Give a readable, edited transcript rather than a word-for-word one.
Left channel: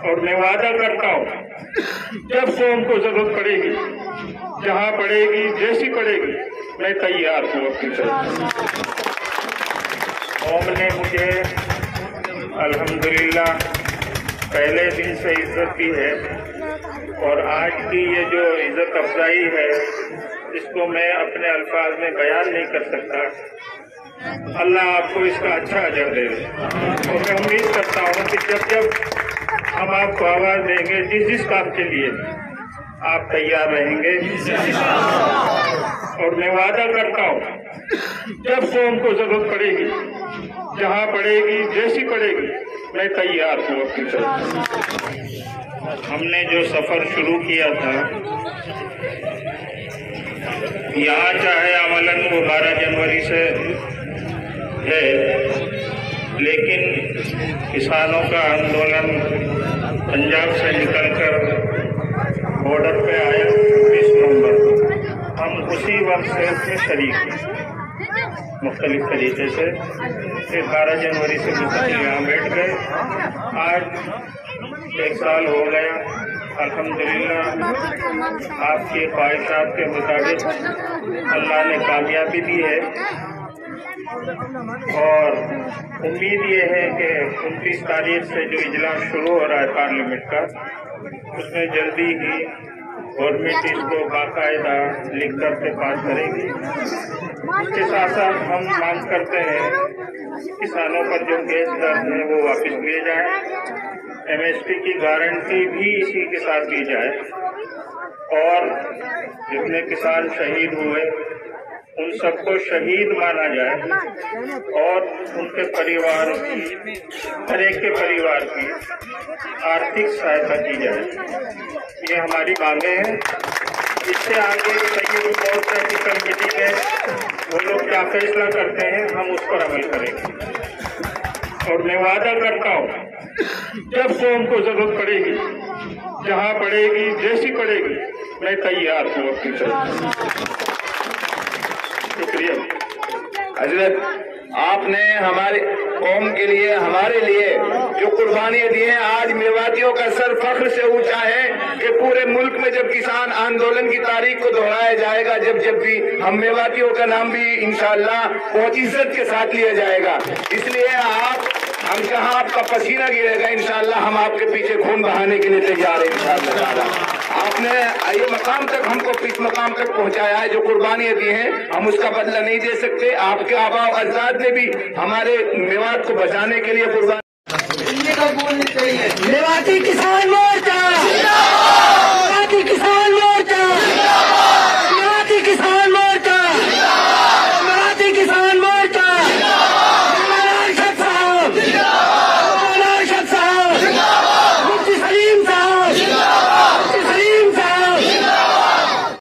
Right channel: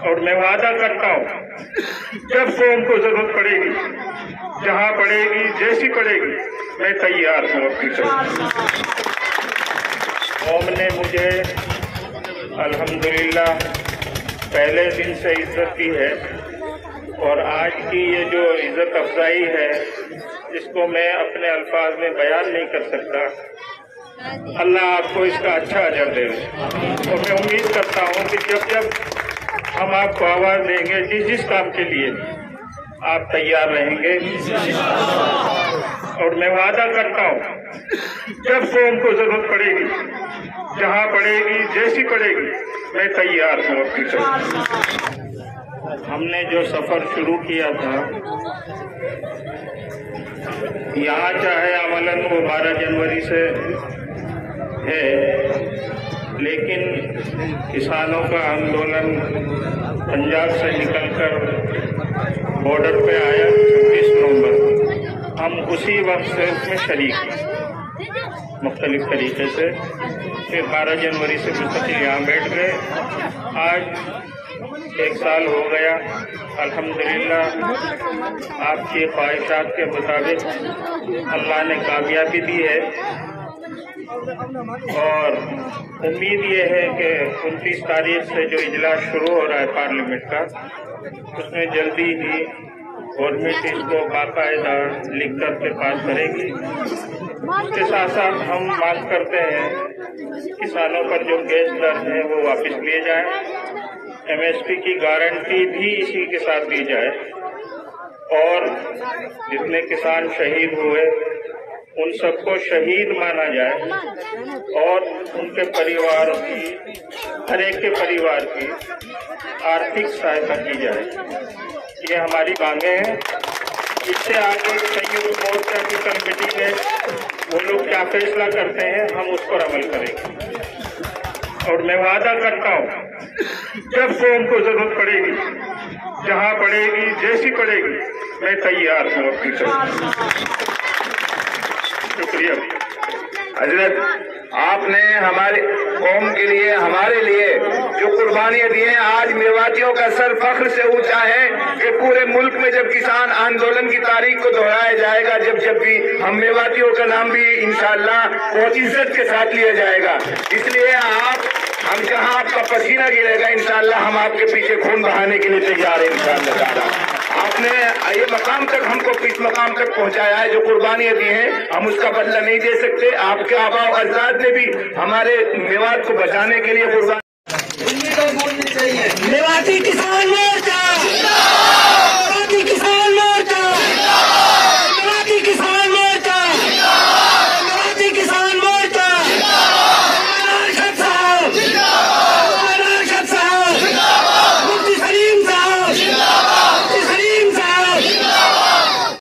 और मैं वादा करता हूँ जब कौम को जरूरत पड़ेगी, जहाँ पड़ेगी, जैसी पड़ेगी, मैं तैयार हूँ अपनी कौम ने मुझे अल्हम्दुलिल्लाह पहले दिन से इज्जत दी है और आज की ये जो इज्जत अफजाई है इसको मैं अपने अल्फाज में बयान नहीं कर सकता। अल्लाह आपको इसका अच्छा अजर दे। तो मैं उम्मीद करता हूँ कि जब हम आपको आवाज देंगे जिस काम के लिए आप तैयार रहेंगे। और मैं वादा करता हूँ जब कौम को जरूरत पड़ेगी, जहाँ पड़ेगी, जैसी पड़ेगी, मैं तैयार हूँ अपनी। हमने जो सफर शुरू किया था यहाँ, चाहे अमलन वो 12 जनवरी से है, लेकिन किसानों का आंदोलन पंजाब से निकलकर बॉर्डर पे आया 26 नवंबर को। हम उसी वक्त से उसमें शरीक हैं मुख्तलिफ तरीके से। फिर 12 जनवरी से मुस्तकिल यहाँ बैठ गए। आज 1 साल हो गया। अल्हम्दुलिल्लाह आपकी ख्वाहिशात के मुताबिक अल्लाह ने कामयाबी दी है और उम्मीद ये है कि 29 तारीख से जो इजलास शुरू हो रहा है पार्लियामेंट का, उसमें जल्दी ही गवर्नमेंट इसको बाकायदा लिख कर के पास करेगी। उसके साथ साथ हम मांग करते हैं किसानों पर जो गैस दर है वो वापस दिए जाए, MSP की गारंटी भी इसी के साथ दी जाए और जितने किसान शहीद हुए उन सबको शहीद माना जाए और उनके परिवार की, हर एक के परिवार की आर्थिक सहायता की जाए। ये हमारी मांगे हैं। इससे आगे संयुक्त मोर्चा की कमेटी में वो लोग क्या फैसला करते हैं हम उस पर अमल करेंगे। और मैं वादा करता हूँ जब कौम को जरूरत पड़ेगी, जहाँ पड़ेगी, जैसी पड़ेगी, मैं तैयार हूँ अपनी। शुक्रिया हजरत, आपने हमारी कौम के लिए, हमारे लिए जो कुर्बानियां दी हैं, आज मेवातियों का सर फख्र से ऊंचा है कि पूरे मुल्क में जब किसान आंदोलन की तारीख को दोहराया जाएगा, जब भी हम मेवातियों का नाम भी इंशाअल्लाह बहुत इज्जत के साथ लिया जाएगा। इसलिए हम जहां आपका पसीना गिरेगा इंशाअल्लाह हम आपके पीछे खून बहाने के लिए तैयार हैं इंशाअल्लाह। आपने ये मकाम तक हमको इस मकाम तक पहुंचाया है, जो कुर्बानियां दी हैं हम उसका बदला नहीं दे सकते। आपके आबा और अजदाद ने भी हमारे मेवात को बचाने के लिए कुर्बानी चाहिए। मेवाती